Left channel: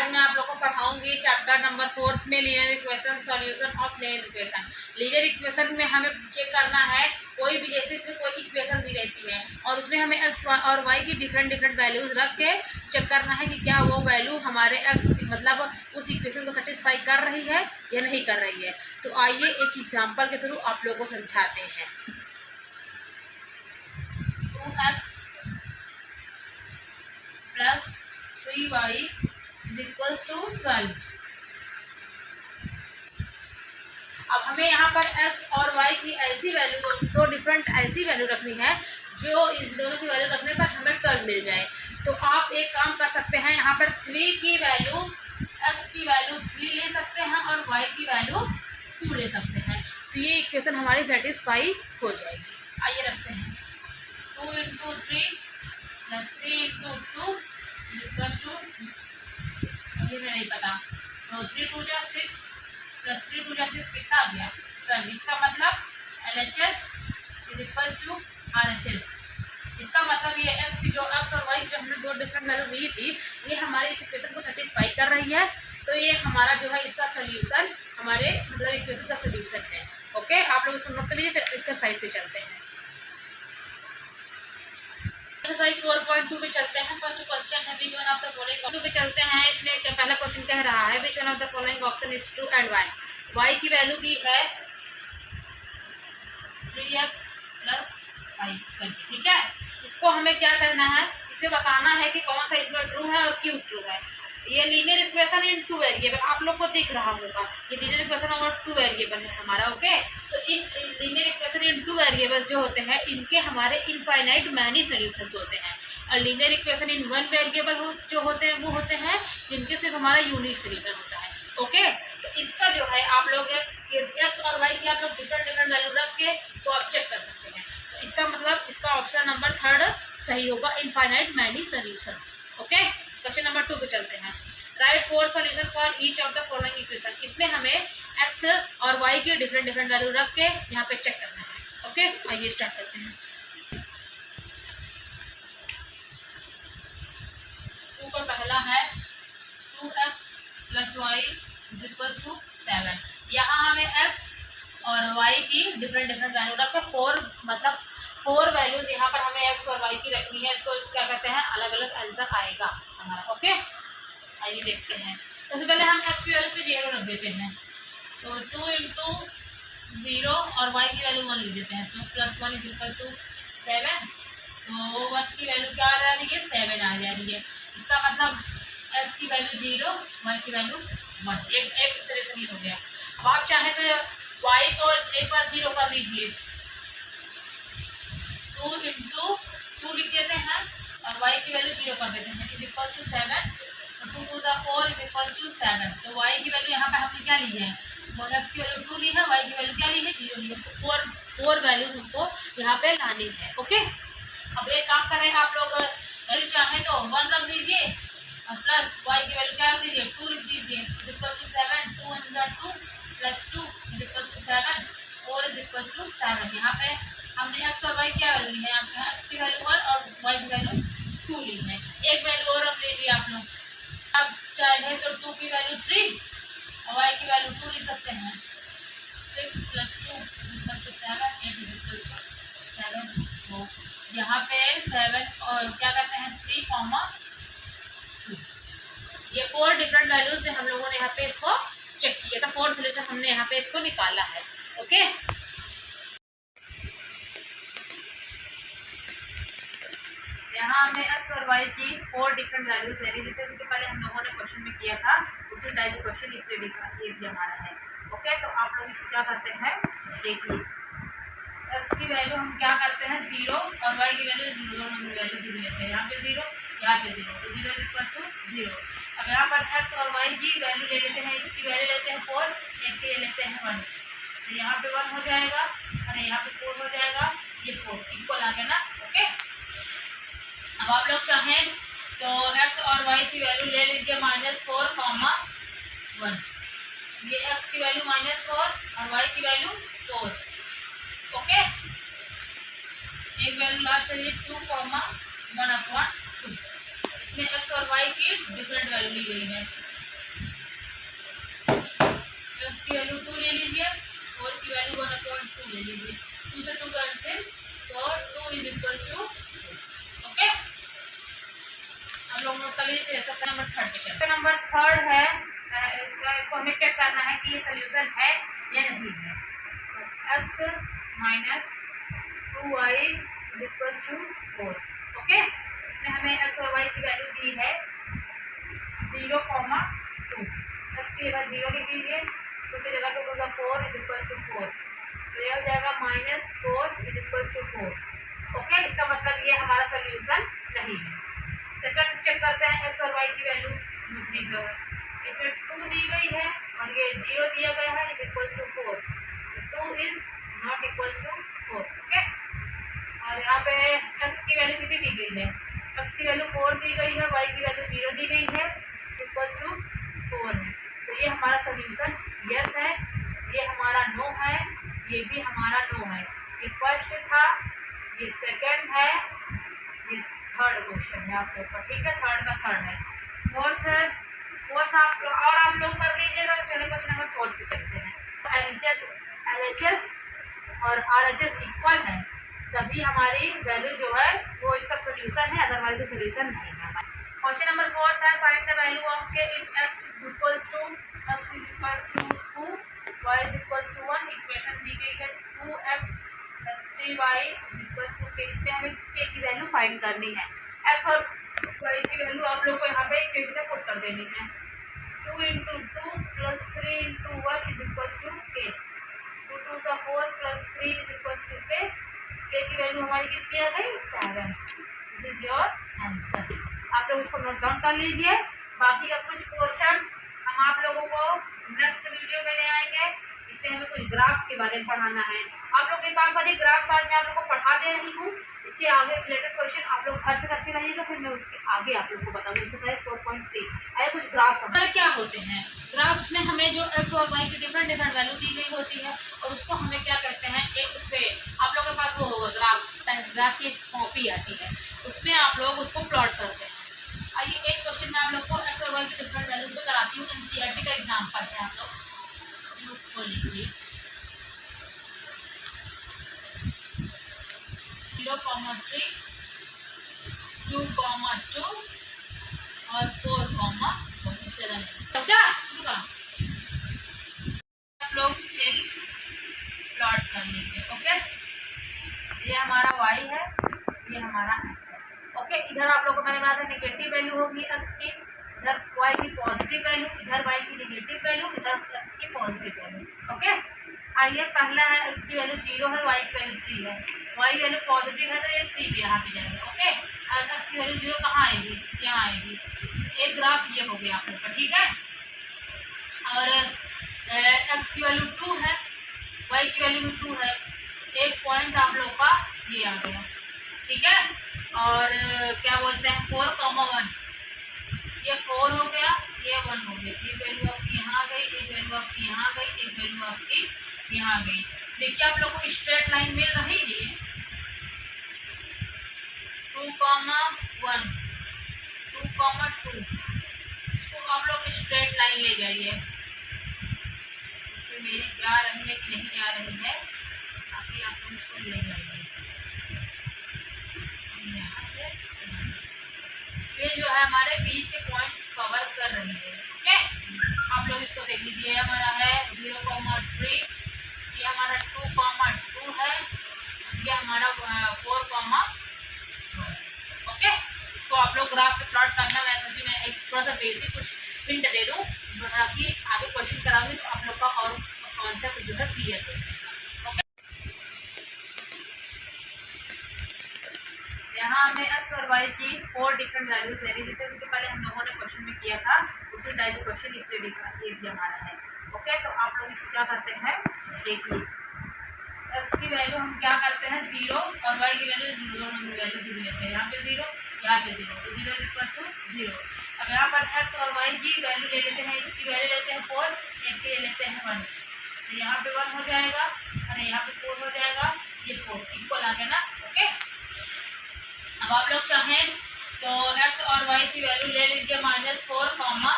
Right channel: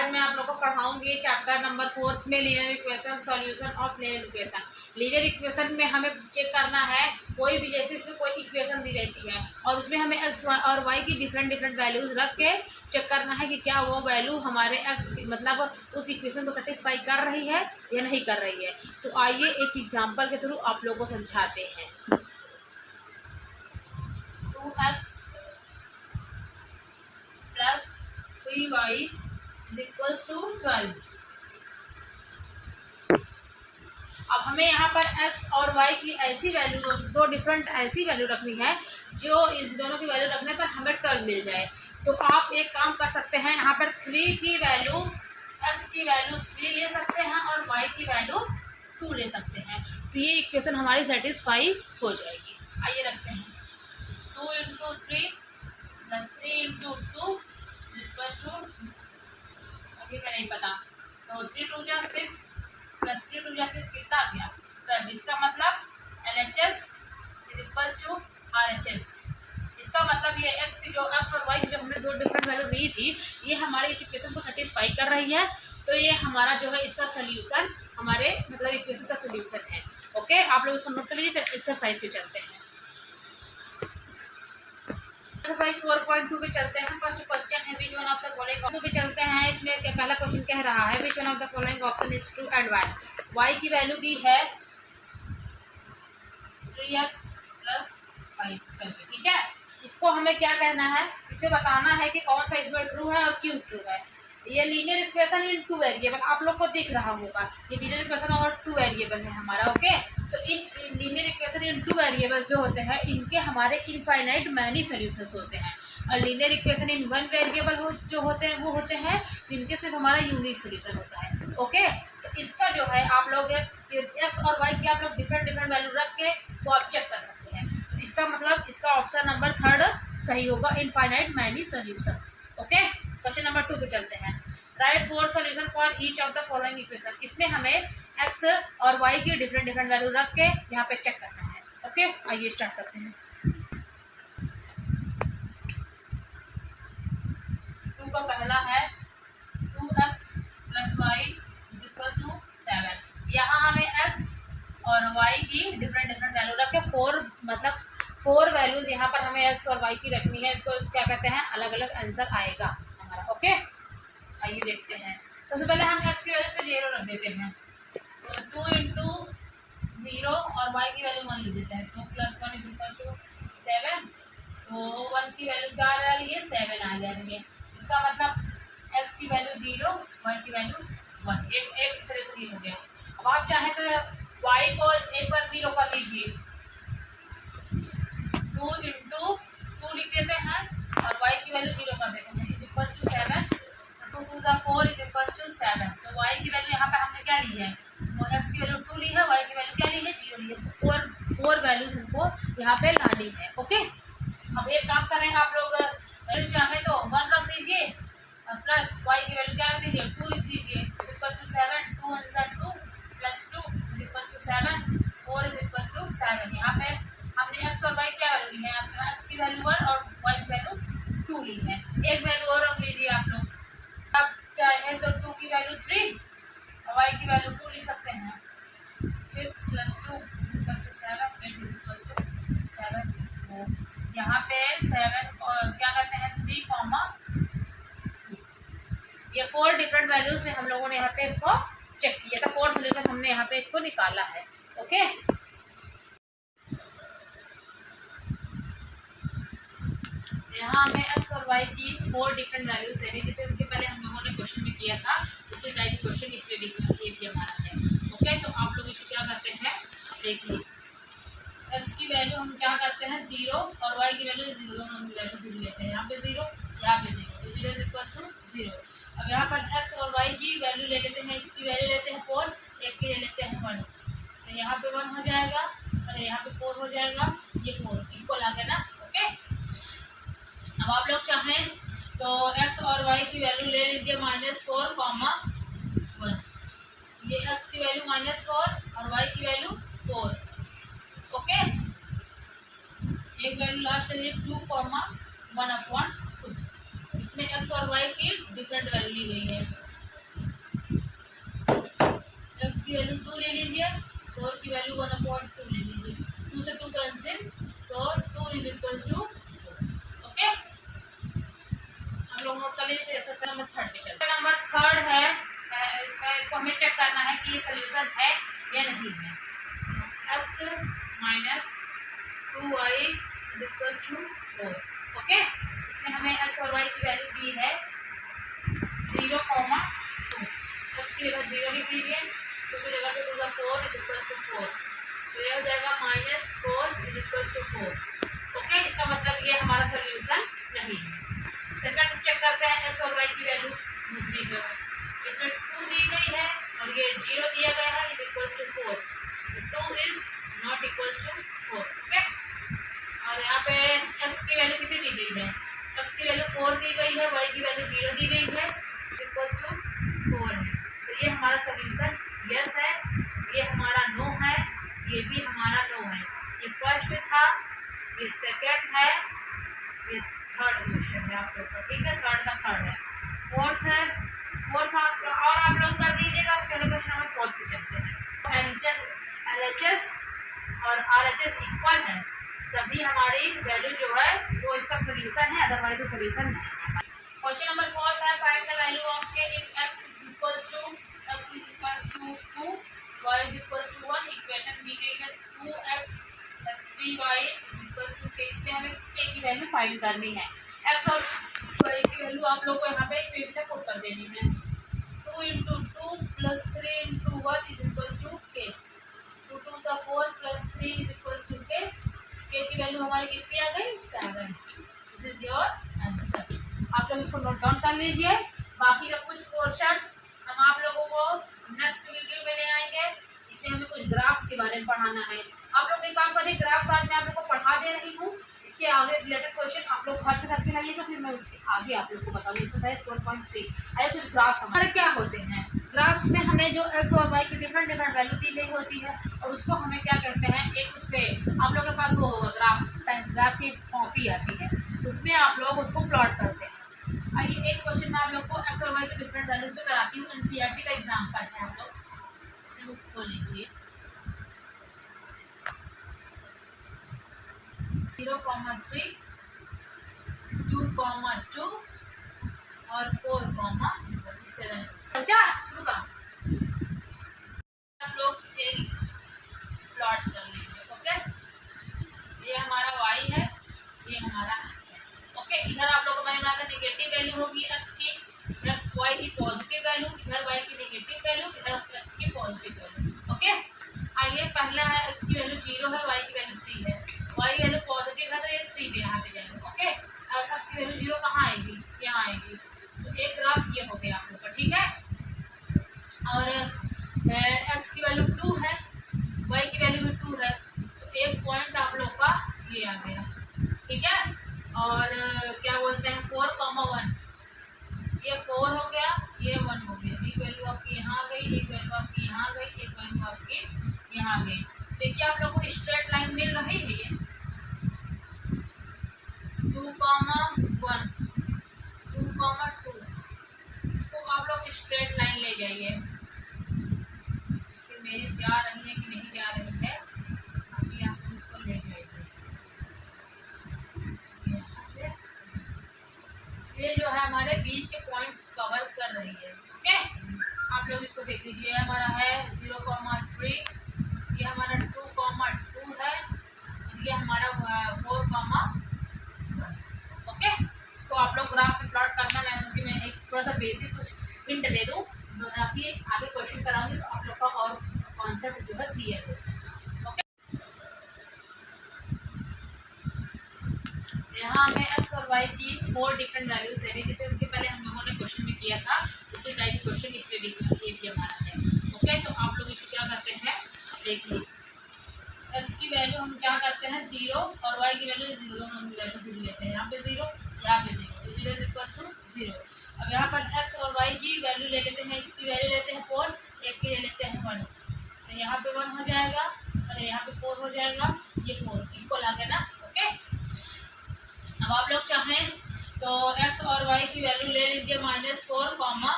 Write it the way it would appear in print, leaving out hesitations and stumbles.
आज मैं आप लोगों को पढ़ाऊंगी चैप्टर नंबर 4 में linear equation, solution of linear equation. Linear equation में हमें चेक करना है कोई भी, जैसे इसमें कोई इक्वेशन दी रहती है और उसमें हमें एक्स और वाई की डिफरेंट वैल्यूज़ रख के चेक करना है कि क्या वो वैल्यू हमारे एक्स मतलब उस इक्वेशन को सेटिस्फाई कर रही है या नहीं कर रही है। तो आइए एक एग्जाम्पल के थ्रू आप लोगों को समझाते हैं। 2x plus 3y is equals to 12। अब हमें यहाँ पर x और y की ऐसी वैल्यू, दो डिफरेंट ऐसी वैल्यू रखनी है जो इन दोनों की वैल्यू रखने पर हमें 12 मिल जाए। तो आप एक काम कर सकते हैं, यहाँ पर 3 की वैल्यू, x की वैल्यू 3 ले सकते हैं और y की वैल्यू 2 ले सकते हैं। तो ये इक्वेशन हमारी सेटिस्फाई हो जाएगी। आइए रखते हैं 2 into 3 plus 3 into 2 equals to, अभी मैं नहीं पता, तो 3 2 जा 6 प्लस 3 2 जा 6 कितना आ गया 12। इसका मतलब LHS is equals to RHS। इसका मतलब ये जो एक्स और वाई जो हमने दो डिफरेंट वैल्यू ली थी ये हमारे इस इक्वेशन को सेटिस्फाई कर रही है। तो ये हमारा जो है इसका सोल्यूशन, हमारे मतलब इक्वेशन का सोल्यूशन है। ओके, आप लोग इसको नोट कर लीजिए। फिर एक्सरसाइज पे चलते हैं। एक्सरसाइज 4.2 पे चलते हैं। फर्स्ट क्वेश्चन है which one of the following पे चलते हैं। इसमें पहला क्वेश्चन कह रहा है which one of the following option is true and y. Y की वैल्यू दी है 3x प्लस 5 करके, ठीक है। इसको हमें क्या करना है, इसमें बताना है कि कौन सा इसमें ट्रू है और क्यों ट्रू है। ये लीनियर इक्वेशन इन 2 वेरिएबल आप लोग को दिख रहा होगा, ये लीनियर इक्वेशन और 2 वेरिएबल है हमारा। ओके, तो in linear equation in 2 variable जो होते हैं इनके हमारे इनफाइनाइट मैनी सॉल्यूशंस होते हैं। और लीनियर इक्वेशन इन 1 वेरिएबल जो होते हैं वो होते हैं जिनके सिर्फ हमारा यूनिक सॉल्यूशन होता है। ओके, तो इसका जो है आप लोग एक्स और वाई की आप लोग डिफरेंट वैल्यू रख के इसको आप चेक कर सकते हैं। तो इसका मतलब इसका ऑप्शन नंबर 3 सही होगा, infinite many solutions. Okay, question number 2 पे चलते हैं। Right 4 solution for each of the following equation. इसमें हमें एक्स और वाई की डिफरेंट वैल्यू रख के यहाँ पे चेक करना है। ओके, आइए स्टार्ट करते हैं। 2 का पहला है 2x plus y is equal to 7। यहाँ हमें x और y की डिफरेंट वैल्यू रख के 4 वैल्यूज यहाँ पर हमें x और y की रखनी है। इसको क्या कहते हैं, अलग अलग आंसर आएगा हमारा। ओके, आइए देखते हैं। सबसे पहले हम x की वैल्यू पे 0 रख देते हैं, तो 2 इंटू 0 और y की वैल्यू 1 लिख देते हैं। 2 प्लस 1 इज इक्वल टू 7। तो 1 की वैल्यू क्या आ रही है, 7 आ जा रही है। इसका मतलब x की वैल्यू 0, y की वैल्यू 1, एक सॉल्यूशन हो गया। अब आप चाहें तो y को एक बार 0 कर लीजिए, 2 इंटू 2 लिख देते हैं और y की वैल्यू 0 कर देते हैं, इज इक्वल टू 7। 2 2 ज़ा 4 इज इक्वल टू 7। तो y की वैल्यू यहाँ पे हमने क्या ली है, x की वैल्यू 2 ली है, y की वैल्यू क्या ली है, 0 ली है। 4 वैल्यूज हमको यहाँ पे लानी है। ओके, अब एक काम करें, आप लोग चाहें तो 1 रख दीजिए प्लस y की वैल्यू क्या रख दीजिए, 2 लिख दीजिए, इज इक्वल टू 7। 2 1 ज़ा 2 plus 2 is equal to 7, 4 is equal to 7। यहाँ पे हमने x और y क्या वैल्यू ली है, x की वैल्यू 1 और y की वैल्यू 2 ली है। एक वैल्यू और रख लीजिए आप लोग। अब चाहे तो 2 की वैल्यू 3 और y की वैल्यू 2 लिख सकते हैं। 6 plus 2 equal to 7, 8 is equal to 7। तो यहाँ पे 7 और क्या कहते हैं 3, 2, ये 4 डिफरेंट वैल्यूज से हम लोगों ने यहाँ पे इसको चेक किया था। 4 सोल्यूशन हमने यहाँ पे इसको निकाला है। ओके, यहाँ हमें x और y की 4 डिफरेंट वैल्यूज लेनी, जैसे इसके पहले हम लोगों ने क्वेश्चन में किया था उसी टाइप क्वेश्चन इसमें भी ये भी हमारा है। ओके, तो आप लोग इसको क्या करते हैं, देखिए x की वैल्यू हम क्या करते हैं 0 और y की वैल्यू 0, दोनों हम वैल्यू 0 लेते हैं। यहाँ पे 0, यहाँ पे 0, तो 0 इज इक्वल टू 0। अब यहाँ पर x और y की वैल्यू ले लेते हैं, इसकी वैल्यू लेते हैं 4, एक की ले लेते हैं 1, तो यहाँ पे 1 हो जाएगा और यहाँ पे 4 हो जाएगा, ये 4 इक्वल आ गया ना। ओके, अब आप लोग चाहें तो x और y की वैल्यू ले लीजिए -4, 1। ये x की वैल्यू -4 और y की वैल्यू 4। ओके, एक वैल्यू लास्ट है 2, 1/2। इसमें x और y की डिफरेंट वैल्यू ली गई है। की वैल्यू 2 ले लीजिए, 4 की वैल्यू 1/2 ले लीजिए, 2 से 2 कैंसिल, तो 2 इज इक्वल टू, ओके। हम लोग नोट कर लीजिए। फिर एक्सरसाइज नंबर 3 पे चलते हैं। नंबर 3 है इसको हमें चेक करना है कि ये सोल्यूशन है या नहीं है। x minus 2y is equal to 4, okay. इसमें हमें x और y की वैल्यू दी है 0,2। x की जगह 0 लिख लीजिए, तो फिर जगह पे होगा 4 इज इक्वल टू 4, तो यह हो जाएगा -4 इज इक्वल टू 4, ओके। इसका मतलब ये हमारा सोल्यूशन नहीं है। सेकंड चेक करते हैं x और y की वैल्यू। दूसरी जो है इसमें 2 दी गई है और ये 0 दिया गया है, is equal to 4, 2 is not equal to 4, okay. और यहाँ पे x की वैल्यू कितनी दी गई है, x की वैल्यू 4 दी गई है, y की वैल्यू 0 दी गई है, इक्वल टू 4 है। तो ये हमारा सोल्यूशन यस है, ये हमारा नो है, ये भी हमारा नो है। ये फर्स्ट था, ये सेकंड है, ये थर्ड क्वेश्चन है आप लोग का, ठीक है। थर्ड का थर्ड है। फोर्थ आप लोग कर लीजिएगा। चलो क्वेश्चन नंबर 4 पे चलते हैं। LHS और RHS इक्वल है, तभी हमारी वैल्यू जो है वो इसका सोल्यूशन है, अदरवाइज सोल्यूशन नहीं है। क्वेश्चन नंबर 4 है, find the value of K if x is equals to 2, y is equals to 1। Equation दी गई है 2x + 3y is equals to k। इसमें हमें k की वैल्यू फाइंड करनी है। x और y की वैल्यू आप लोग को यहाँ पे इक्वेशन में पुट कर देनी है। 2 × 2 + 3 × 1 is equals to k, 2 × 2 = 4 + 3 is equals to k। k की वैल्यू हमारी कितनी आ गई, 7। This is your answer. आप लोग इसको नोट डाउन कर लीजिए। बाकी का कुछ पोर्शन हम आप लोगों को नेक्स्ट वीडियो में ले आएंगे। इसमें हमें कुछ ग्राफ्स के बारे में पढ़ाना है। आप लोग एक काम करिए, ग्राफ्स आज मैं आप लोग को पढ़ा दे रही हूँ, इसके आगे रिलेटेड क्वेश्चन आप लोग घर से करते रहिएगा, फिर मैं उसके आगे आप लोग को बताऊंगी। एक्सरसाइज 4.3 आया कुछ ग्राफ्स हमारे क्या होते हैं। ग्राफ्स में हमें जो x और y की डिफरेंट वैल्यू दी गई होती है, और उसको हमें क्या कहते हैं, एक उस पर आप लोग के पास वो होगा ग्राफ की कॉपी आती है, उसमें आप लोग उसको प्लॉट करते हैं। आइए एक क्वेश्चन में आप लोग को x और y की डिफरेंट वैल्यू पे कराती हूँ। NCERT का एग्जाम्पल है, आप लोग खोल लीजिए। 0,3, 2,2 और 4,47। शुरू करो। आप लोग एक प्लॉट कर लीजिए, ओके। ये हमारा y है, ये हमारा x है, ओके। इधर आप लोगों को मैंने बताया था नेगेटिव वैल्यू होगी x की, इधर y की पॉजिटिव वैल्यू, इधर y की नेगेटिव वैल्यू, इधर x की पॉजिटिव वैल्यू, ओके। आइए पहला है x की वैल्यू 0 है, y की वैल्यू 3 है। y की वैल्यू पॉजिटिव है तो ये 3 पे यहाँ पे जाएगा, ओके। और x की वैल्यू 0 कहाँ आएगी, यहाँ आएगी। तो एक ग्राफ ये हो गया आप लोग का, ठीक है। और x की वैल्यू 2 है, y की वैल्यू भी 2 है, तो एक पॉइंट आप लोग का ये आ गया, ठीक है। और क्या बोलते हैं 4,1, ये 4 हो गया, ये 1 हो गया। एक वैल्यू आपकी यहाँ आ गई, एक वैल्यू आपकी यहाँ आ गई, एक वैल्यू आपकी यहाँ आ गई। देखिए आप लोगों को स्ट्रेट लाइन मिल रही है, 2,1, 2,2। इसको आप लोग स्ट्रेट लाइन ले जाइए। तो मेरी जा रही है कि नहीं जा रही है, अभी आप लोग इसको ले जाइए यहाँ से। ये जो है हमारे बीच के पॉइंट्स कवर कर रही है, ओके। आप लोग इसको देख लीजिए। हमारा है 0,3, ये हमारा 2,2 है, ये हमारा 4,1, ओके। इसको आप लोग ग्राफ पे प्लॉट करना। मैं एक थोड़ा सा बेसिक कुछ हिंट दे दूँ, ताकि आगे क्वेश्चन कराऊंगी तो आप लोग का और कॉन्सेप्ट जो है क्लियर हो जाएगा, ओके। यहाँ हमें x और y की 4 डिफरेंट वैल्यूज दे रही है, जैसे उसके पहले हम लोगों ने क्वेश्चन में किया था, उसी टाइप का क्वेश्चन इस पे भी ये भी हमारा है, ओके। तो आप लोग इसको क्या करते हैं, देखिए x की वैल्यू हम क्या करते हैं 0 और y की वैल्यू 0, हम वैल्यू 0 लेते हैं। यहाँ पे 0, यहाँ पे 0, तो 0 इक्वल्स टू 0। अब यहाँ पर x और y की वैल्यू ले लेते हैं, x की वैल्यू लेते हैं 4, एक की ले लेते हैं 1, तो यहाँ पे 1 हो जाएगा और यहाँ पे 4 हो जाएगा, ये 4 इक्वल आ गया ना, ओके। अब आप लोग चाहें तो x और y की वैल्यू ले लीजिए -4,